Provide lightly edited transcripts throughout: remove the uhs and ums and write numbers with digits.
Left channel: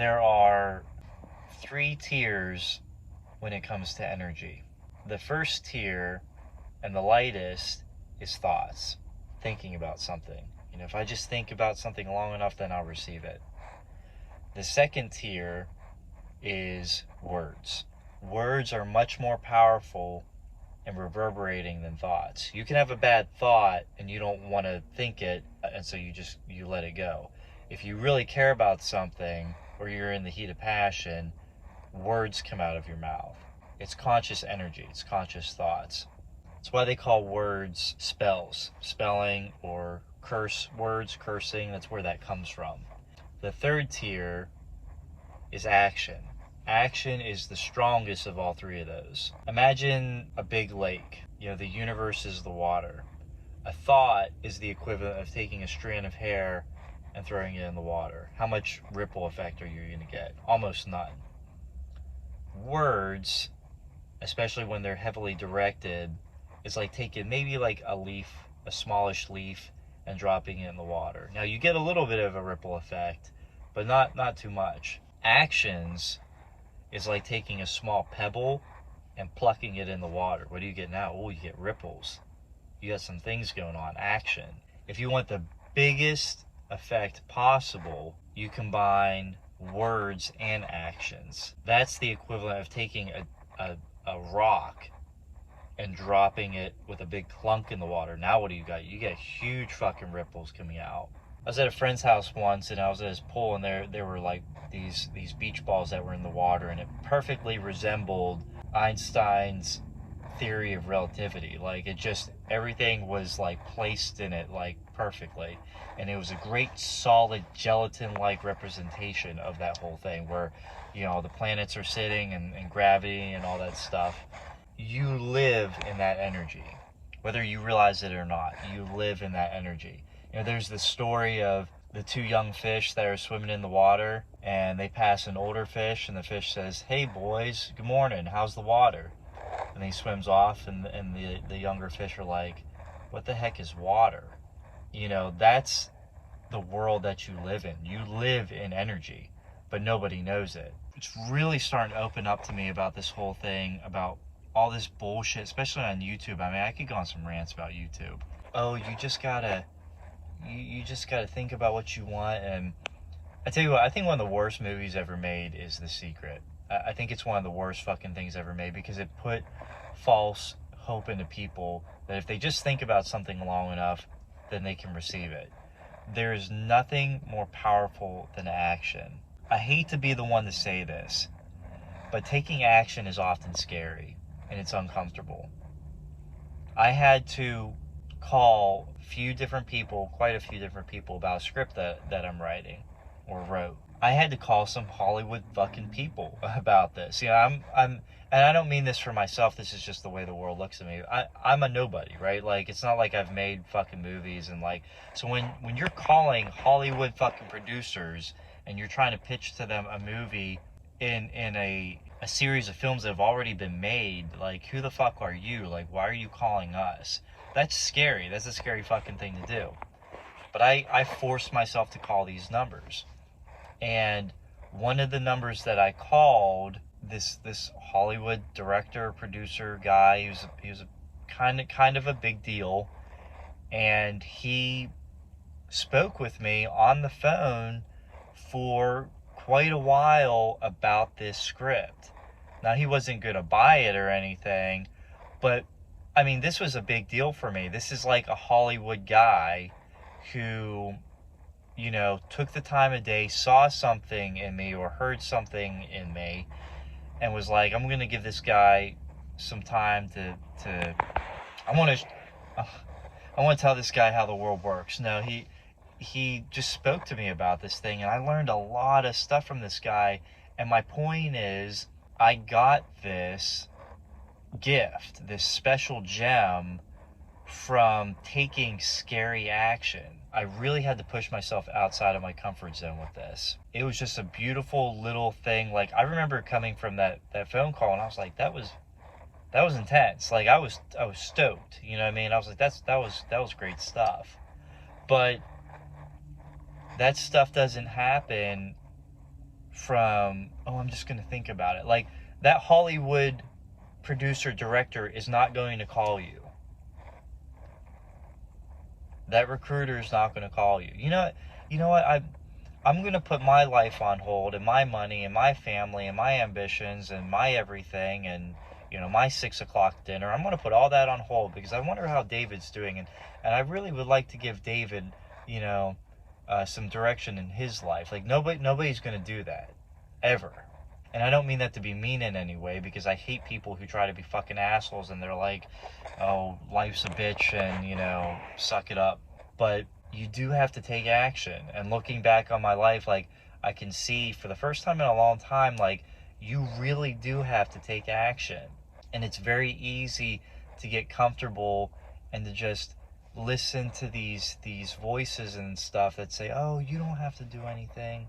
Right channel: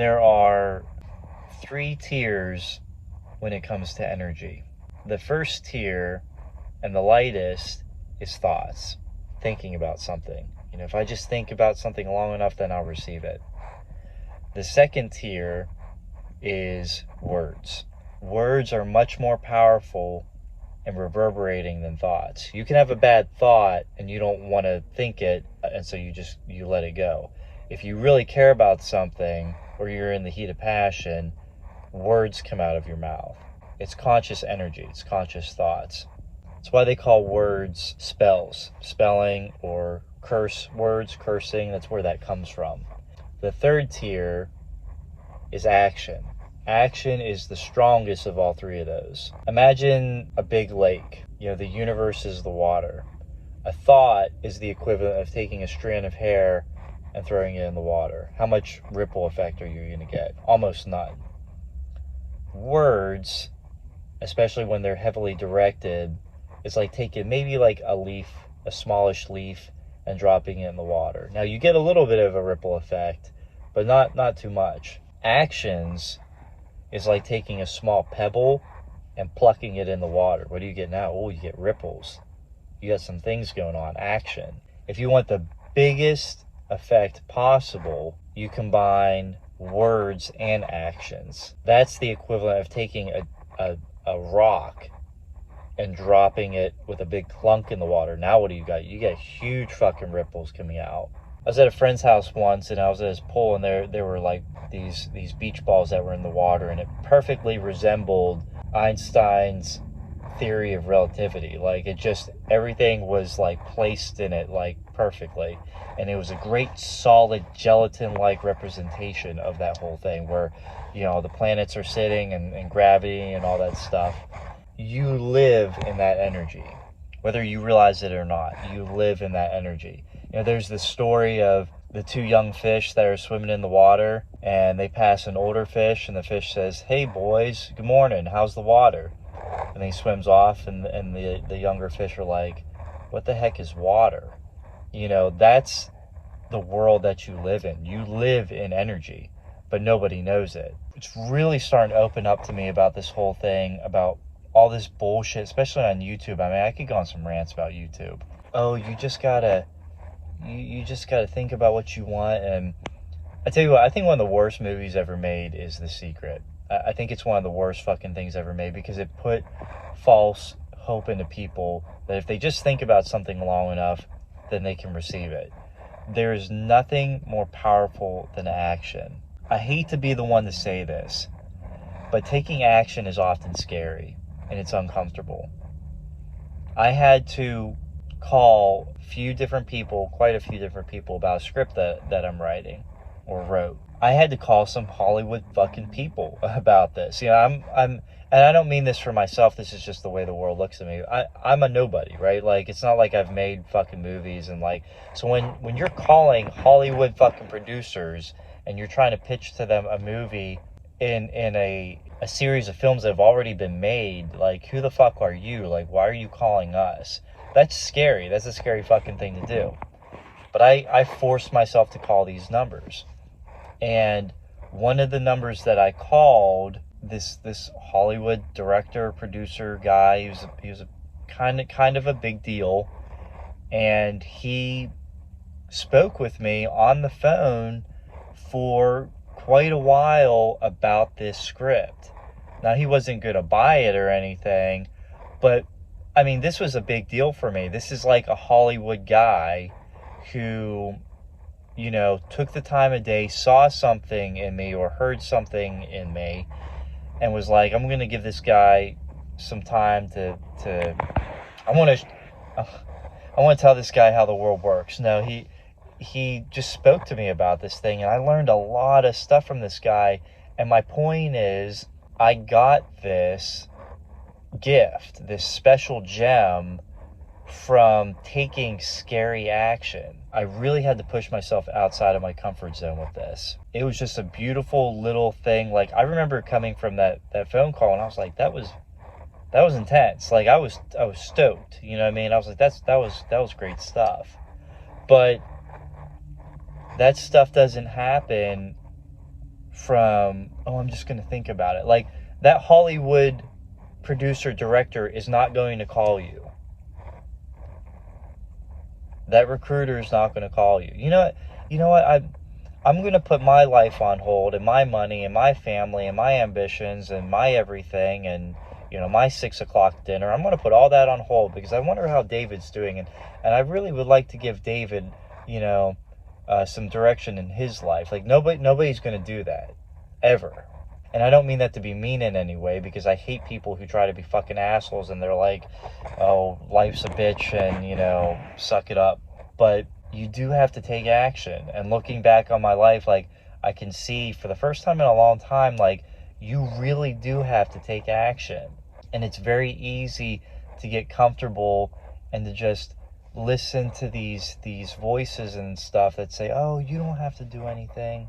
There are 3 tiers when it comes to energy. The first tier, and the lightest, is thoughts, thinking about something. If I just think about something long enough, then I'll receive it. The second tier is words. Words are much more powerful and reverberating than thoughts. You can have a bad thought and you don't want to think it, and so you let it go. If you really care about something, or you're in the heat of passion, words come out of your mouth. It's conscious energy, it's conscious thoughts. That's why they call words spells, spelling, or curse words, cursing. That's where that comes from. The third tier is action. Action is the strongest of all 3 of those. Imagine a big lake. The universe is the water. A thought is the equivalent of taking a strand of hair and throwing it in the water. How much ripple effect are you going to get? Almost none. Words, especially when they're heavily directed, it's like taking maybe like a leaf, a smallish leaf, and dropping it in the water. Now you get a little bit of a ripple effect, but not too much. Actions is like taking a small pebble and plucking it in the water. What do you get now? You get ripples. You got some things going on. Action. If you want the biggest effect possible, you combine words and actions. That's the equivalent of taking a rock and dropping it with a big clunk in the water. Now what do you got? You get huge fucking ripples coming out. I was at a friend's house once, and I was at his pool, and there were like these beach balls that were in the water, and it perfectly resembled Einstein's theory of relativity. Like, everything was like placed in it like perfectly, and it was a great solid gelatin-like representation of that whole thing, where the planets are sitting, and gravity and all that stuff. You live in that energy, whether you realize it or not. You live in that energy. There's this story of the 2 young fish that are swimming in the water, and they pass an older fish, and the fish says, "Hey boys, good morning, how's the water?" And he swims off, and the younger fish are like, "What the heck is water?" That's the world that you live in. You live in energy, but nobody knows it. It's really starting to open up to me about this whole thing, about all this bullshit, especially on YouTube. I mean, I could go on some rants about YouTube. Oh, you just gotta think about what you want. And I tell you what, I think one of the worst movies ever made is The Secret. I think it's one of the worst fucking things ever made, because it put false hope into people that if they just think about something long enough, then they can receive it. There is nothing more powerful than action. I hate to be the one to say this, but taking action is often scary, and it's uncomfortable. I had to call quite a few different people about a script that I'm writing or wrote. I had to call some Hollywood fucking people about this. I'm and I don't mean this for myself. This is just the way the world looks at me. I'm a nobody, right? Like, it's not like I've made fucking movies, and like, so when you're calling Hollywood fucking producers and you're trying to pitch to them a movie in a series of films that have already been made, like, who the fuck are you? Like, why are you calling us? That's scary. That's a scary fucking thing to do. But I forced myself to call these numbers. And one of the numbers that I called, this Hollywood director, producer guy, he was a kind of a big deal. And he spoke with me on the phone for quite a while about this script. Now, he wasn't going to buy it or anything, but I mean, this was a big deal for me. This is like a Hollywood guy who, took the time of day, saw something in me or heard something in me, and was like, I'm going to give this guy some time to I want to tell this guy how the world works. No, he just spoke to me about this thing, and I learned a lot of stuff from this guy. And my point is, I got this gift, this special gem, from taking scary action. I really had to push myself outside of my comfort zone with this. It was just a beautiful little thing. Like, I remember coming from that phone call, and I was like, that was intense. Like, I was stoked. You know what I mean? I was like, that was great stuff. But that stuff doesn't happen from, oh, I'm just going to think about it. Like, that Hollywood producer director is not going to call you. That recruiter is not going to call you. You know what? I'm going to put my life on hold, and my money and my family and my ambitions and my everything, and my 6 o'clock dinner. I'm going to put all that on hold because I wonder how David's doing, and I really would like to give David, some direction in his life. Like, nobody's going to do that ever. And I don't mean that to be mean in any way, because I hate people who try to be fucking assholes and they're like, oh, life's a bitch and, suck it up. But you do have to take action. And looking back on my life, like, I can see for the first time in a long time, like, you really do have to take action. And it's very easy to get comfortable and to just listen to these voices and stuff that say, oh, you don't have to do anything.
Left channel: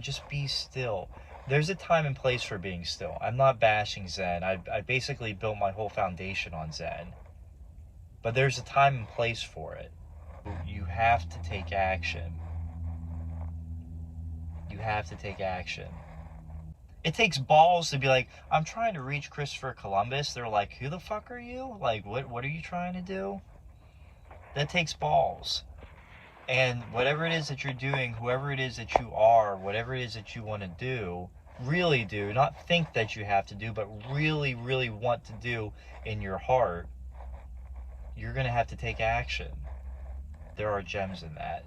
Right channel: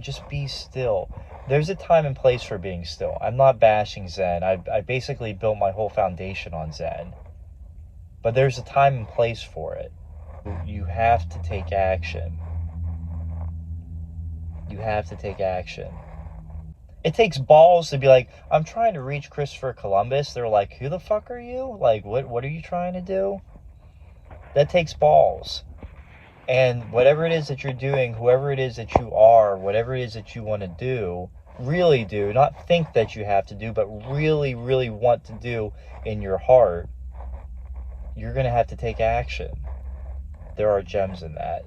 Just be still. There's a time and place for being still. I'm not bashing Zen. I basically built my whole foundation on Zen. But there's a time and place for it. You have to take action. You have to take action. It takes balls to be like, I'm trying to reach Christopher Columbus. They're like, who the fuck are you? Like, what are you trying to do? That takes balls. And whatever it is that you're doing, whoever it is that you are, whatever it is that you want to do, really do, not think that you have to do, but really, really want to do in your heart, you're going to have to take action. There are gems in that.